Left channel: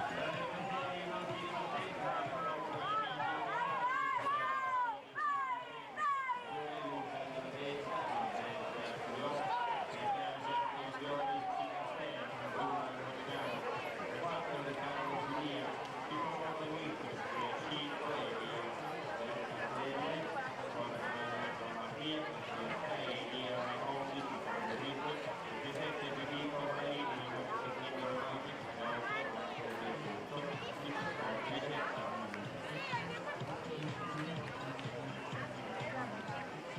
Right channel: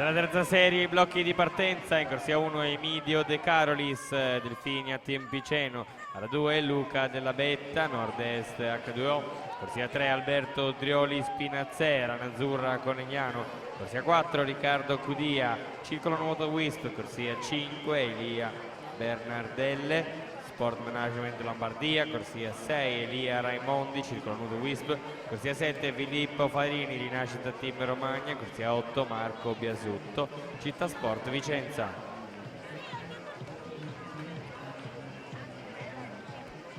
Per la terza serie i blocchi di partenza, in corsia 1 Emidio De Carolis, Delfini a Team Piceno, alla 2 Luca Della Betta, nord-est H2O, corsia 3 Alberto Drioli Spinazzera, Azzurra Conegliano, corsia 4 Riccardo Cudia, Circolo Nuoto Wisp, corsia 5 Elia Bernardelle, Sport Management Lombardia, corsia 6 Elia Raimondi, Circolo Nuoto Wisp, corsia 7 Filippo Farini, Rinascita Team Romagna, corsia 8 Marco Biasutto, Città Sport Vicenza.